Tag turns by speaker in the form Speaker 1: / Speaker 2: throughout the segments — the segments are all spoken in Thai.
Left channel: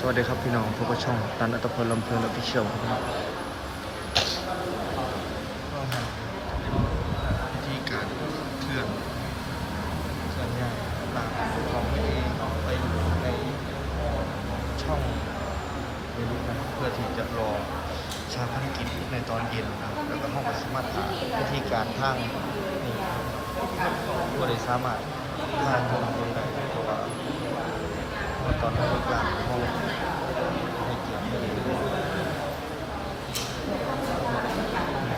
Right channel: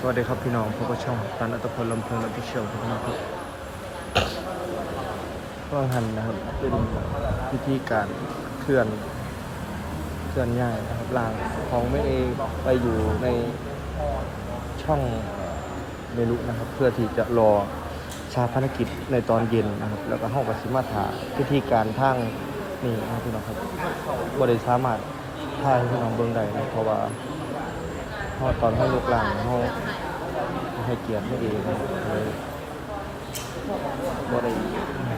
Speaker 1: สวัสดีครับพี่น้องพบกับช่อง ตันอัตพลลำเพลินและพิเชียวครับพี่น้องครับก็หันนะครับเป็นวิธีการเคลื่อนเคลื่อนง่ายลางของไม่เองไปอยู่ในช่องเมลินะครับเพื่อที่จะรอชาพนกิจในตอนเย็นนะครับแล้วก็ห้องวัสมาถาวิธีการทางนี่นะครับพี่น้องครับบริสามารถทางทางเดินได้นะเพราะว่าตอนให้ยกหลังเขาให้เกียรติไม่ดี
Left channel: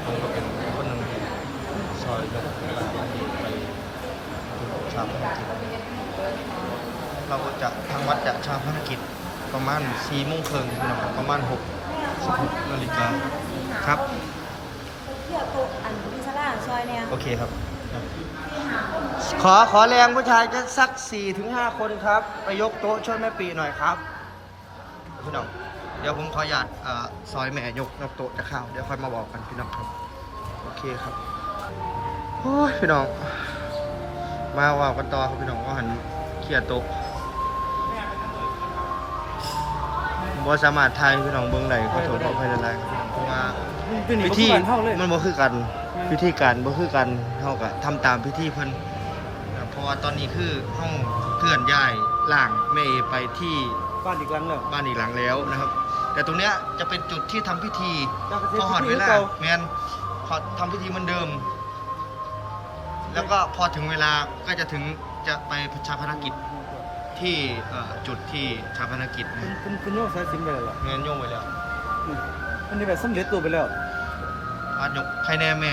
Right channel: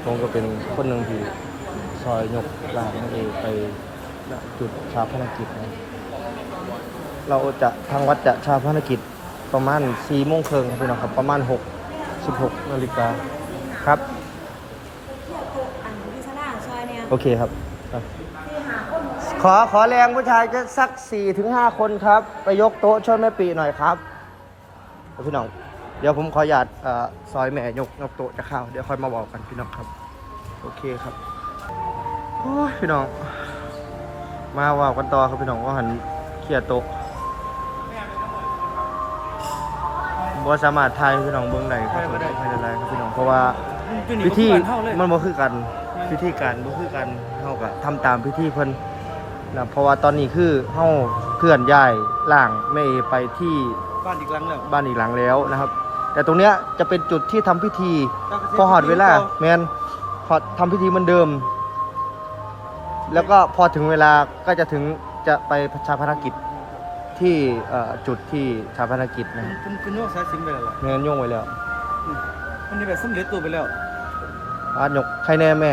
Speaker 1: ผมก็เป็นคนหนึ่งที่ซอยยกหลังให้ไปจุดชาพนกิจ เราจะทางวัดจะชาพนกิจประมาณ4โมงครึ่งพี่น้องครับประมาณ6 16นาฬิกาครับ
Speaker 2: เที่ยวโตะอันที่สลาซอยเนี่ย
Speaker 1: โอเคครับครับ
Speaker 2: ที่หาคน
Speaker 1: ขอขอแรงผู้ชายจะสัก4ี่ถึงห้าคนครับไปยกโต๊ะช่วยแม่ปีหน่อยครับพี่น้องเดี๋ยวผมขออนุญาตเอ่อซอยแม่ยกยกโต๊ะจะเข้าเดี๋ยวค่อยมาบอกกันพี่น้องครับ โอเคครับโอ้ยพี่น้อง มาว่ากันต่อครับพี่น้องว่าหันเคลียร์โต๊ะ บ่สามารถทายพี่น้องเบื้องไหนขอโทษขออภัยหลายๆครับพี่น้องเพราะว่าวิธีมันบ่คือกันพิธีการบ่คือกันเฮาก็ทำตามพิธีเพิ่นนะเพราะว่าตอนนี้คือเฮาเคลื่อนย้ายร่างแม่เอไปที่
Speaker 3: บ้านอีกหลังแล้ว
Speaker 1: บ้านอีกหลังแล้วนะครับ แต่ตรงเนี้ยจะเป็นจุดที่ทำพิธี
Speaker 3: ก็คือ
Speaker 1: พอหอดเวลา
Speaker 3: พิธีเก่า
Speaker 1: แมนพอทำพิธีเหมันเดิม แล้วก็พอถึงเวลาก็จะถึงจะไปชาพนกิจ ที่เอ่อจุดที่ชาพนกิจนะ
Speaker 3: คุณคุณโยกสายสิญจนไปแล้วเหรอ
Speaker 1: แมนโยงไว้แล้ว
Speaker 3: อืมอันนี้แบบสำเร็จตัวไปแล้ว
Speaker 1: อาจยกใครแน่แม่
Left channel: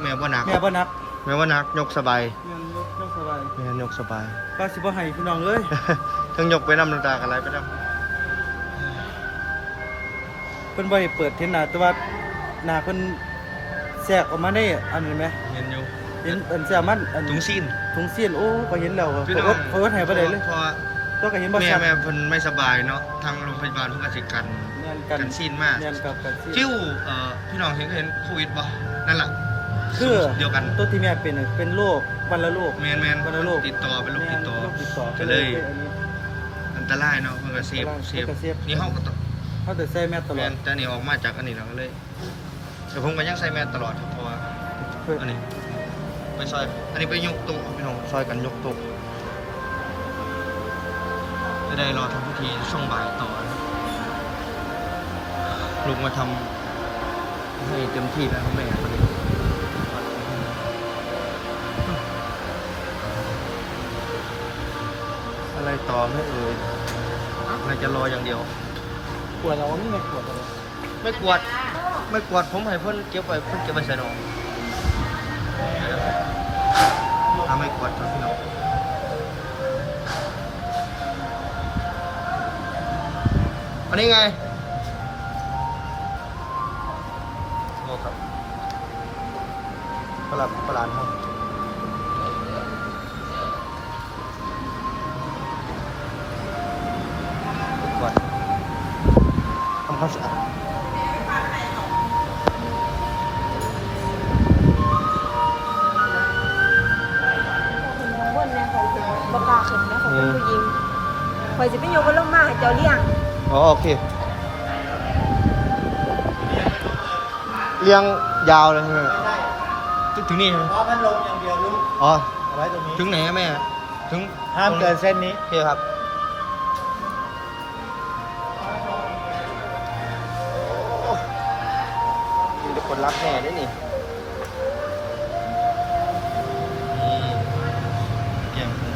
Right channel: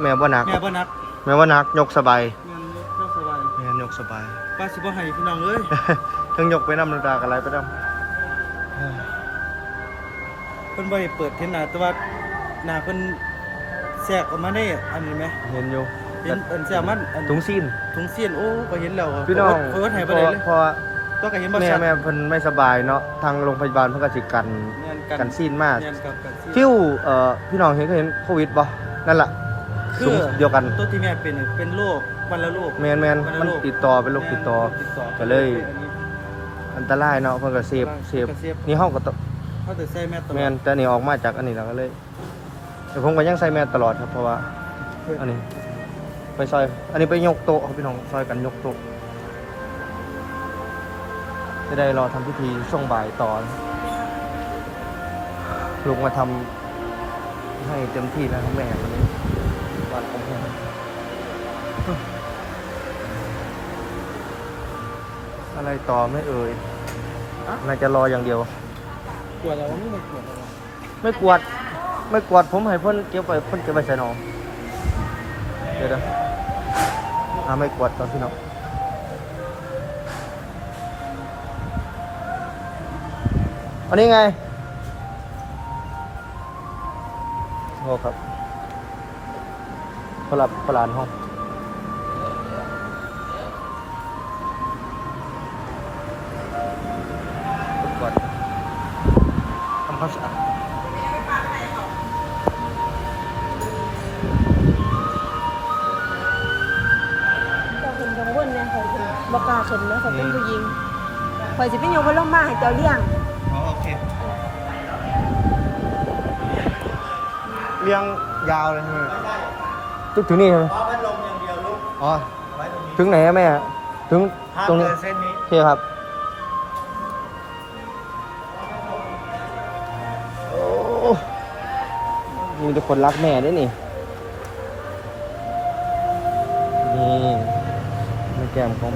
Speaker 1: แม่บ่หนัก
Speaker 3: แม่บ่นัก
Speaker 1: แม่ว่านักยกสบาย
Speaker 3: แม่ยกยกสบาย
Speaker 1: แม่ยกสบาย
Speaker 3: ป้าสิบ่ให้พี่น้องเอ้ย
Speaker 1: ทั้งยกไปน้ำน้ำตากันไรไปน้
Speaker 3: เพิ่นบ่ได้เปิดเทนหน้าแต่ว่าหน้าเพิ่นแทรกออกมาได้อันนี้ไหมำ
Speaker 1: เห็นอยู่
Speaker 3: เห็นอันแซลมันอัน
Speaker 1: ถุงซีน
Speaker 3: ถุงเสียนโอ้ก็เห็นแล้ว
Speaker 1: พี่น้อง
Speaker 3: เขาก็ให้บ่ได้เลย
Speaker 1: พอ
Speaker 3: ตัวก็เห็นบ่
Speaker 1: แม่
Speaker 3: ชัด
Speaker 1: แม่เพิ่นไม่สบายเนาะทางโรงพยาบาลเพิ่นก็สิกัน
Speaker 3: แม่นกัน
Speaker 1: กันซีนมาก
Speaker 3: แม่นกับกันซีน
Speaker 1: ฟิวเอ่อพี่น้องเห็นก็เห็นโควิดบ่นั่นแหละ
Speaker 3: คือ
Speaker 1: สุ่มเดียวกัน
Speaker 3: ตัวที่แม่เป็นน่ะเป็นโรควันละโรค
Speaker 1: แมนแมน
Speaker 3: วั
Speaker 1: มัน
Speaker 3: ละโรค
Speaker 1: ติดต่อเป็นโรคติดต่อ
Speaker 3: แม่นโรคติดต่อ
Speaker 1: ก็เลย
Speaker 3: อันนี้
Speaker 1: อันตรายเนาะเพิ่นก็เซฟ
Speaker 3: อันตราย
Speaker 1: เซฟ
Speaker 3: เพิ่นก็เซฟ
Speaker 1: นี่ห้องก็ต้อง
Speaker 3: เขาจะใส่แม่ตล
Speaker 1: แม
Speaker 3: อด
Speaker 1: นแต่นี่ออกมาจากอันนี้แล้วก็เลยแต่ผมก็ยังใส่แมสตลอดครับเพราะว่า อันนี้ ไปซอย อันนี้ไปยกโต๊ะครับพี่น้องซอยกันยกโต๊ะจะได้รอทำพิธีช่วงบ่ายต่อนะลุงมาทำให้เต็มที่แล้วครับแม่คนนี้ตอนนี้อะไรต่อไม่เอ่ยน่าจะรออย่างเดียว
Speaker 3: ปวดเรานี่มันปวดเรา
Speaker 1: ไม่กวาดไม่กวาดผมให้เพิ่นเก็บไว้เพิ่นเก็บไว้ใส่หนองเดี๋ยว นะหาไม่กวดตอนพี่น้องอันนี้ไงโอ้ครับพลับพลานห้องกวดทำความสะอาด
Speaker 2: บอกกล้าขึ้นนะคอยเป็นผู้หญิงคอยสิเป็นโยบนลงมาให้เจ้าเลี้ยง
Speaker 1: อ๋อโอเคเรียงยาวเลยใช่ไหมถึงถึงนี่ใช่ไหม
Speaker 3: อ๋อพัดลมอย่างเดียวลูก
Speaker 1: อ๋อ
Speaker 3: ไว้ตรงนี้
Speaker 1: ถึงไหนอะแม่ถึง
Speaker 3: ห้าม
Speaker 1: ตรงนี้
Speaker 3: เกินเส้นนี้
Speaker 1: โอเคครับโอ้มีแต่คนรักแม่นี่นี่นี่มีแก้มของ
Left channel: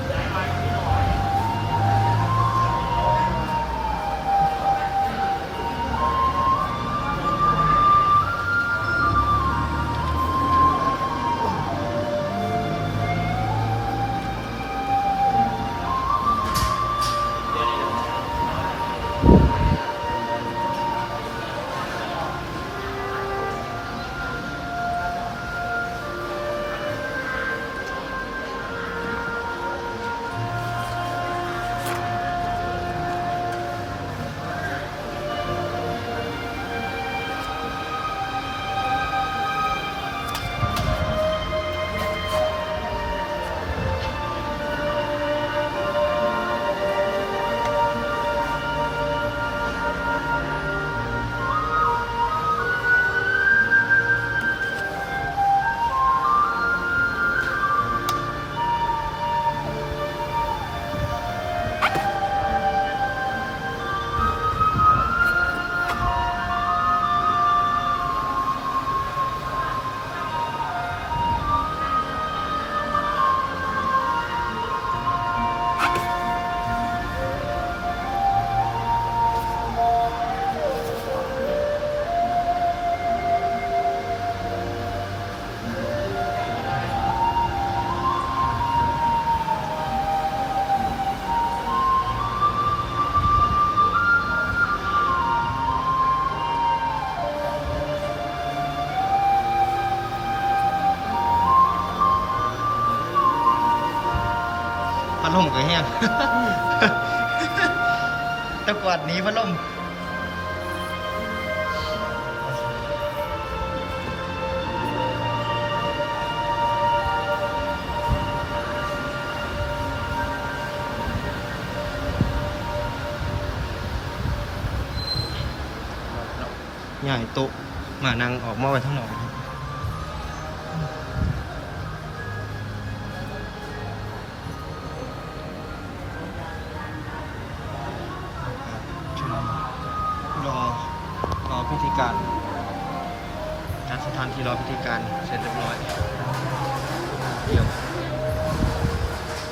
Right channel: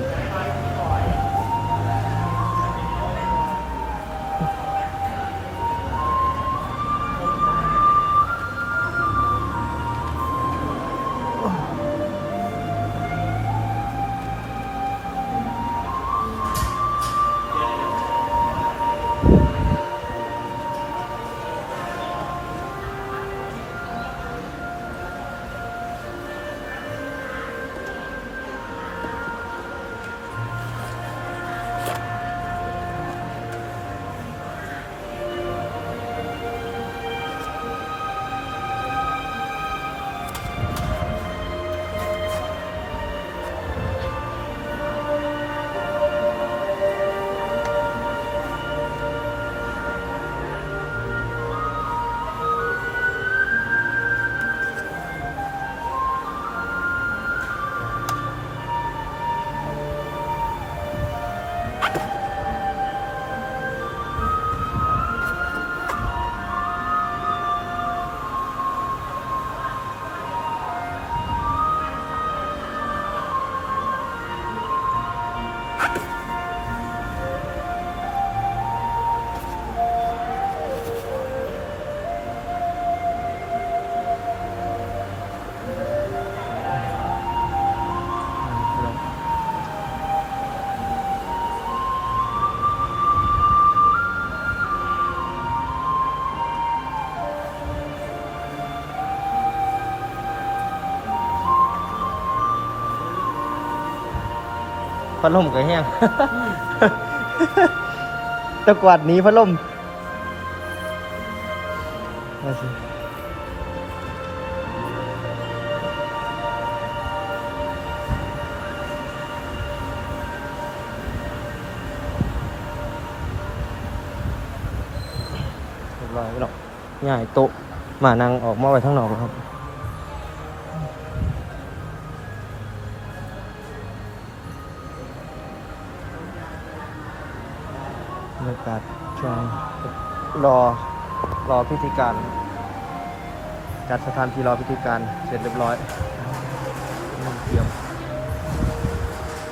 Speaker 1: พัดลมก็แห้งตะกวาดหนี้พัดลมง่ายโตะมานั่งออกมาไว้ทั้งนอกครับ รอรอพิธีการ จัดสถานที่รอพิธีการเสร็จเรียบร้อยเตรียม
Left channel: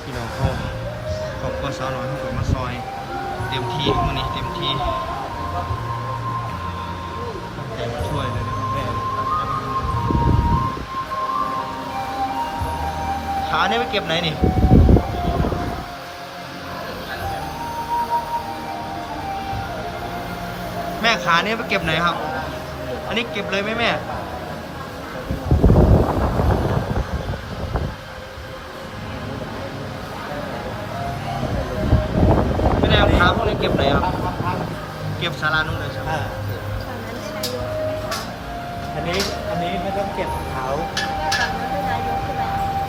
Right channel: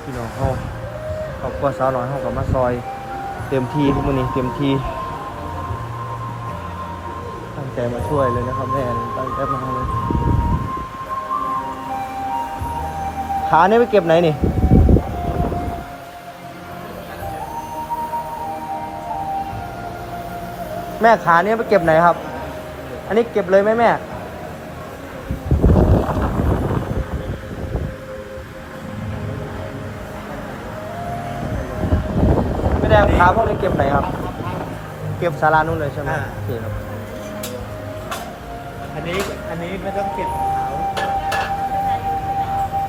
Speaker 1: พี่น้องเขาครอบครัวสาวน้อยเขาก็มาซอย เต็มที่มื้อนี้เต็มที่ตั้งแต่มาช่วยเลยนะครับแม่ตั้งแต่มาขาเนี่ยไปเก็บไหนนี่ แม่ขาเนี่ยไปเก็บไหนครับ อันนี้เก็บเลยไหมแม่ ไม่ได้เอาขาพวกนี้เก็บไหนครับ เก็บศาลานู่นเลยใช่ไหม
Speaker 4: อ่า อันนี้อันนี้ไม่ต้องเก็บของเขา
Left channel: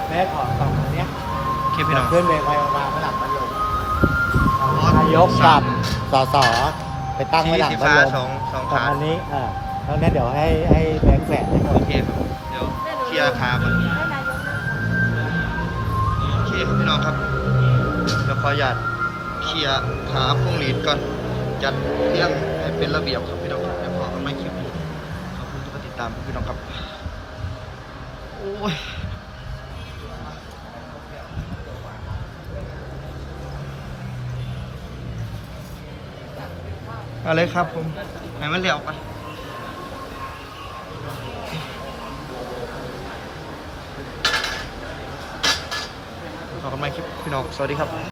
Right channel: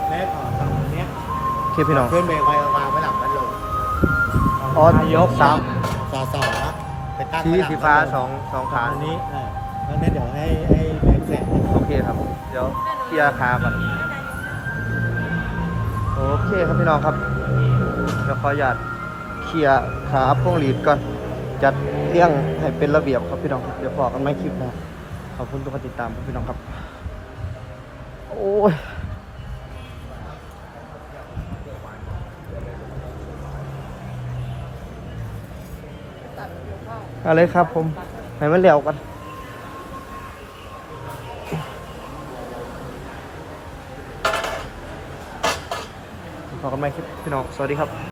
Speaker 4: แม่ขอสองอันเนี้ย
Speaker 1: โอเคพี่น้อง
Speaker 4: ขึ้นเบรกไว้วางไว้หลังพัดลม
Speaker 1: อ๋อนา
Speaker 4: ยก
Speaker 1: สาม
Speaker 4: สอสอ ไปตั้ง
Speaker 1: สี
Speaker 4: ไว้หลัง
Speaker 1: สี
Speaker 4: พั
Speaker 1: ฟ้า
Speaker 4: ดลม
Speaker 1: สองสอง
Speaker 4: ขา
Speaker 1: ขา
Speaker 4: อันนี้อ่าแล้วนั้นเดี๋ยวให้ให้แบงค์แสนให้เขา
Speaker 1: โอเคครับ เดี๋ยวเคลียร์ขาก่อน โอเคครับพี่น้องครับ เดี๋ยวขออนุญาตเคลียร์ขาพวงหลีดก่อน จัดเรื่องให้เป็นระเบียบครับพี่น้องครับเดี๋ยวพอกันไม่คลิปหนะขอบคุณทุกคนติดตามครับพี่น้องครับ โอ้ย เอาเลยครับผมให้มันเร็วกันพอกันไหมคลิปพี่น้อง สวัสดีครับ